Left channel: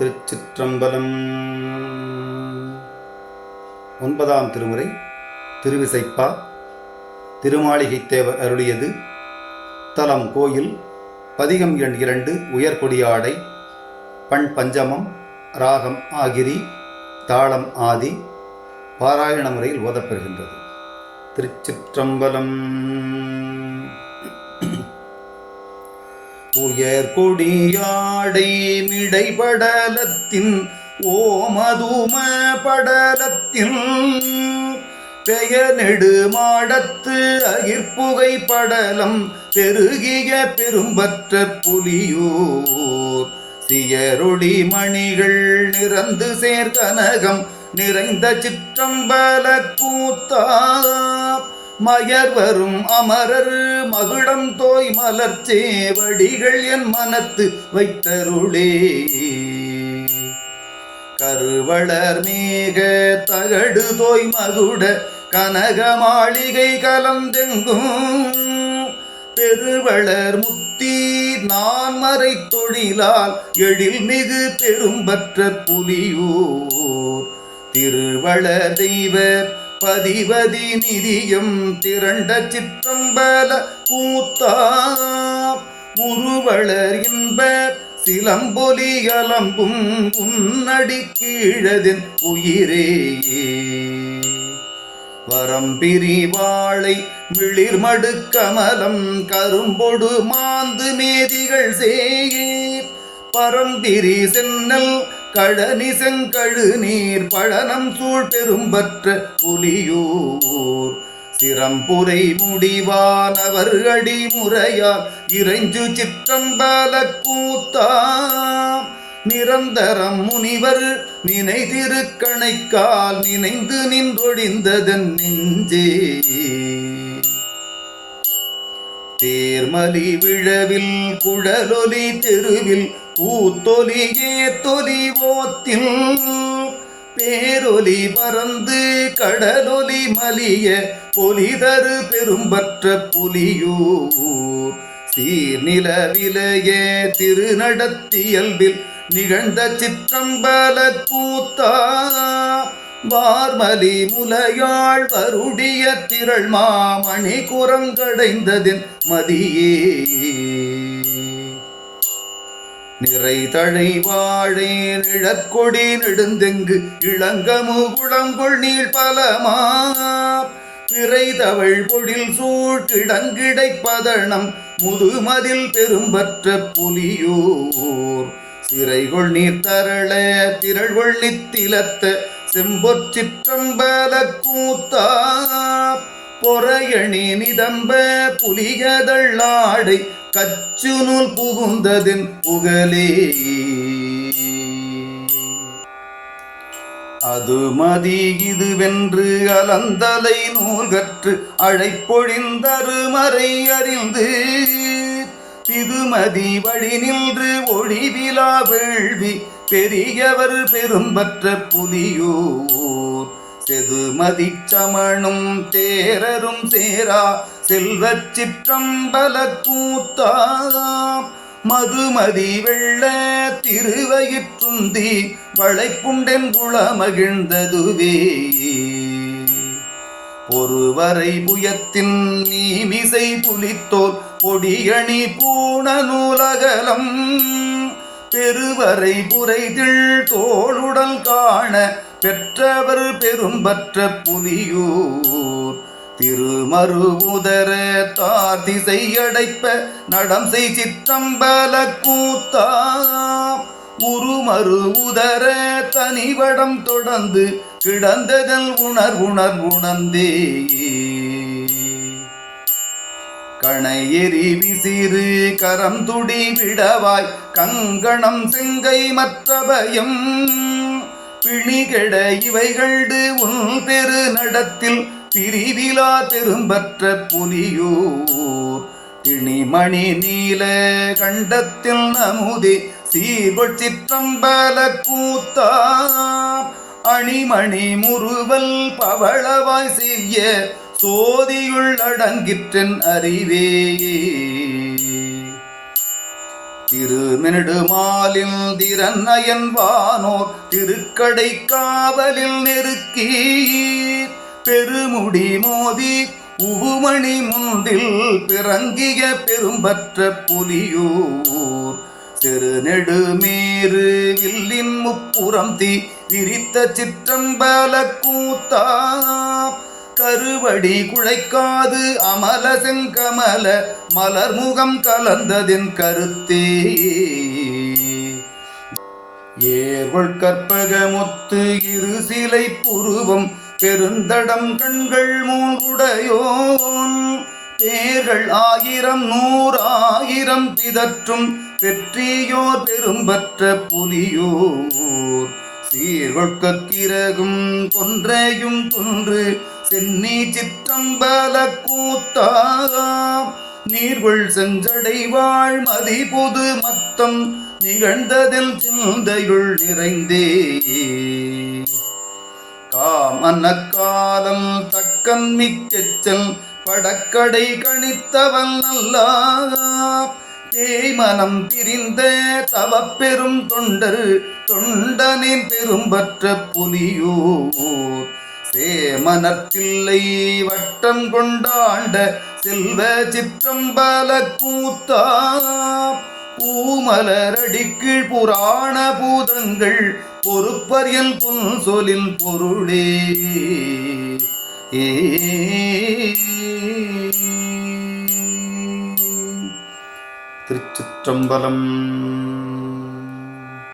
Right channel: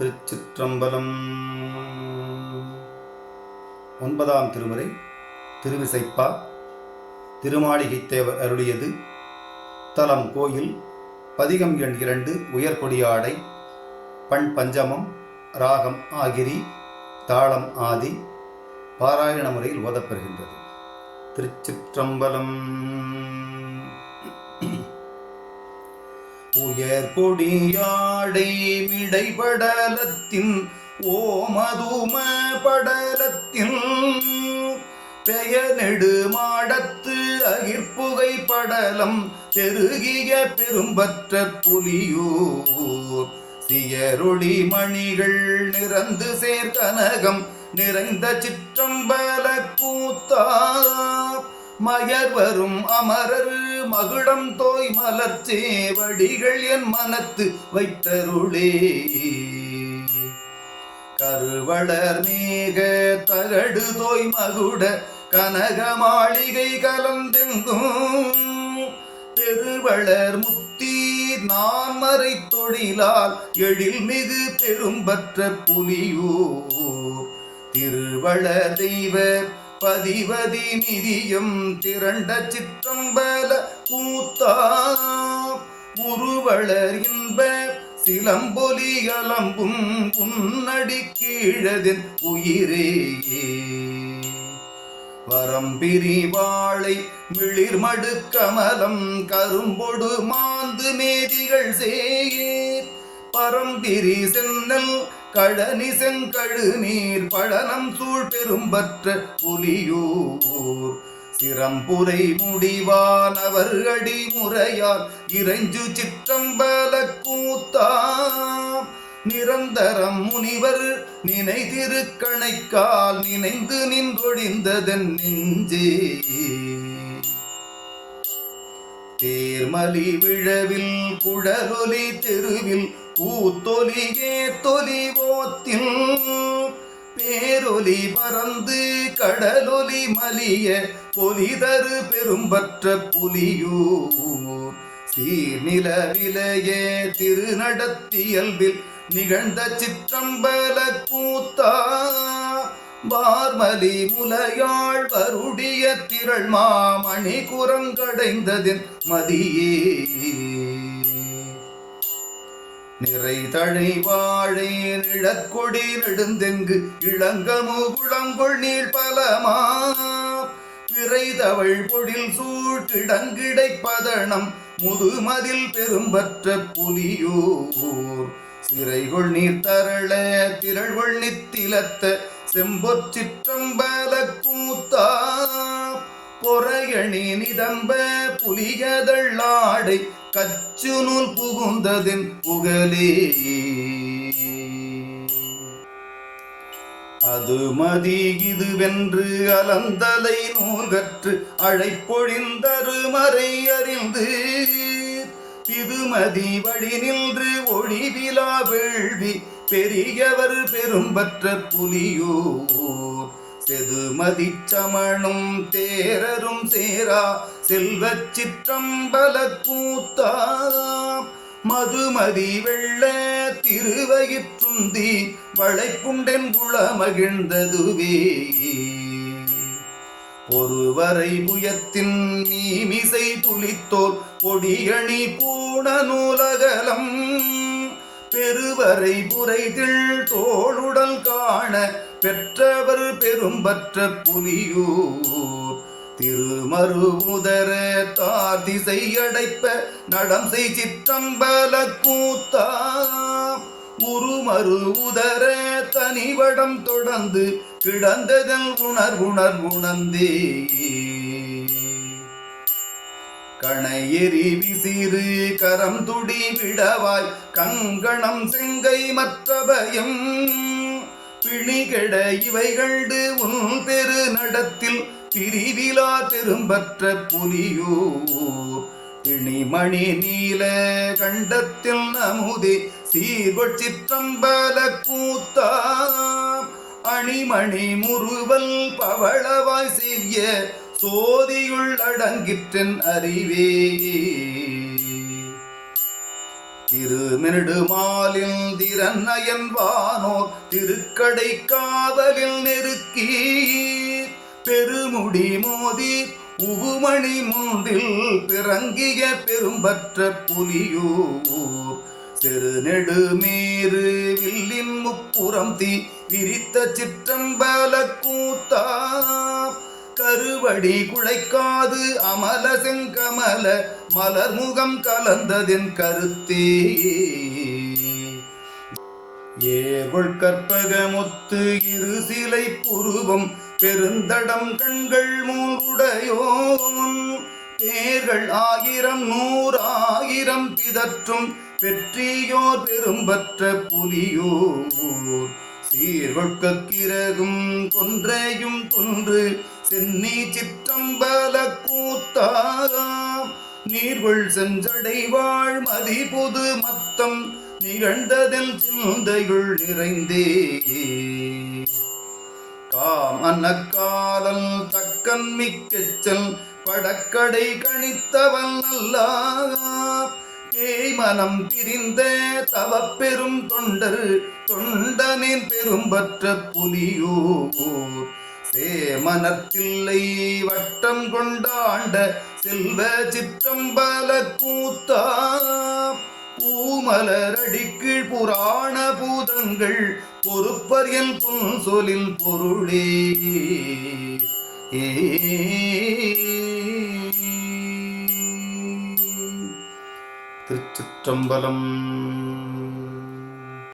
திருச்சிற்றம்பலம். 9ஆம் திருமுறை திருவிசைப்பா. திருமாளிகைத்தேவர் அருளியது. தலம் கோயில். பதிகம் எண் 2 உயர்கொடியாடை. பண் பஞ்சமம். ராகம் ஆகிரி. தாளம் ஆதி. பாராயண முறையில் ஓதப்பெறுகின்றது. திருச்சிற்றம்பலம். உயர்கொடியாடை மிடைபடலத்தின் ஓமதும படலத்தின் பெயர் நெடுமாடத்து அகிர்புகை படலம் பெருகிய பெரும்பற்ற புலியூர் சியரொளி மணிகள் நிறந்து சேர்கனகம் நிறைந்த சிற்றம்பல கூத்தா மயர் வரும் அமரர் மகுடம் தோய் மலர்ச்சேவடிகள் என் மனத்து வைத்தருளே. கருவளர் மேக தகடு தோய் மகுட கனக மாளிகை கலந்தெங்கும் பெருவளர் முத்தி நான் மறை தொழிலால் எழில் மிகு பெரும்பற்ற புலியூர் திருவளர் தெய்வ பதிவதி நிதியம் திரண்ட சிற்றம்பல கூத்தா உருவளர் இன்ப சிலம்பொலி அலம்பும் உன்னடி கீழதின் உயிரே. வரம்பிரி வாழை மிளிர்மடு கமலம் கரும்பொடு மாந்து மேதிகள் சேயீர் பரம்பிரி சென்னல் கடனி செங்கழு நீர் பழனம் சூழ் பெரும்பற்ற புலியூர் சிரம்புரை முடிவானவர் அடி முறையால் இறைஞ்சு சிற்றம்பல கூத்தா நிரந்தரம் முனிவர் நினை திருக்கணைக்கால் நினைந்து நின்றொழிந்ததன் நெஞ்சே. தேர்மலி விழவில் குழலொலி தெருவில் கூத்தொலி ஏத்தொலி ஓத்தில் பேரொலி பறந்து கடலொலி மலிய பொலிதரு பெரும்பற்ற புலியூர் சீர்நில விலைய திருநடத்தியல்பில் நிகழ்ந்த சிற்றம்பல கூத்தா வார்மலி முலையாள் வருடிய திரள் மாமணி குரங்கடைந்ததின் மதியே. நிறை தழை வாழே நிழற்கொடி நெடுந்தெங்கு இளங்கமு குளங்கொள் நீள் பலமா பிறை தவழ் பொழில் சூழ்கிடங்கிடை பதனம் முதுமதில் பெரும்பற்ற புலியூர் சிறைகொள் நீர் தரள திரள்கொள் நித்திலத்த செம்பொற் சிற்றம்பல கூத்தா பொறையணி நிதம்ப புலிகதள்ளாடை கச்சு நூல் புகுந்ததின் புகழே. அது மதி இதுவென்று அலந்தலை நூல் கற்று அழைப்பொழிந்தருமறை அறிந்து இதுமதி வழி நின்று ஒளிவிலா வேள்வி பெரியவர் பெரும்பற்ற புலியூர் செதுமதி சமணும் தேரரும் சேரா செல்வச் சிற்றம்பல கூத்தா மதுமதி வெள்ள திருவயிற்றுந்தி வளைப்புண்டென் குளமகிழ்ந்ததுவே. ஒருவரை புயத்தின் நீமிசை புலித்தோர் பொடியணி பூண நூலகலம் பெருவரை புரைதிள் தோளுடல் காண பெற்றவர் பெரும்பற்ற புலியூர் திருமருவுதர தார் திசை அடைப்ப நடம் செய் சிற்றம்பல கூத்தா உருமருவுதர தனிவடம் தொடர்ந்து கிடந்ததல் உணர்ந்தே. கணையெறி விசிறு கரம் துடி விடவாய் கங்கணம் செங்கை மற்ற பயம் பிணிகெட இவைகள்டு உன் பெரு நடத்தில் பிரிவிலா பெரும்பற்ற புலியூர் திணிமணி நீல கண்டத்தில் நமுதே சீர்கொள் சிற்றம்பல கூத்தா அணிமணி முறுவல் பவளவாய் செய்ய சோதியுள் அடங்கிற்றன் அறிவே. திருநெடுமாலில் திறநயன் வானோர் திருக்கடை காவலில் நெருக்கி பெருமுடி மோதி உவுமணி முன்றில் பிறங்கிய பெரும்பற்ற புலியூர் செருநெடுமேறு வில்லின் முப்புறம் தீ விரித்த சிற்றம்பல கூத்தா கருவடி குழைக்காது அமல செங்கமல மலர்முகம் கலந்ததென் கருத்தே ஏர்கொள் கற்பகமொத்து இரு சிலை புருவம் பெருந்தடம் கண்கள் மூன்றுடையோன் பேர்கள் 1000 100 பிதற்றும் பெற்றியோர் பெரும்பற்ற புலியோர் சீர்கொட்கிறகும் கொன்றையும் தொன்று சென்னி சிற்றம்பல கூத்தா நீர்வள் செஞ்சடை வாழ் மதி பொது மத்தம் நிகழ்ந்ததில் சிந்தையுள் நிறைந்தே காமனக்காலம் தக்கன் மிக்கச்சல் படக்கடை கணித்தவன் நல்லார் பேய்மனம் பிரிந்த தவப்பெரும் தொண்டர் தொண்டனின் பெரும்பற்ற புலியோர் சேமனத்தில்லை வட்டம் கொண்டாண்ட செல்வ சிற்றம்பல கூத்தா பூமலரடிக்கீழ் புராண பூதங்கள் பொறுப்பறியல் புன்சொலில் பொருளே திருச்சிற்றம்பலம்.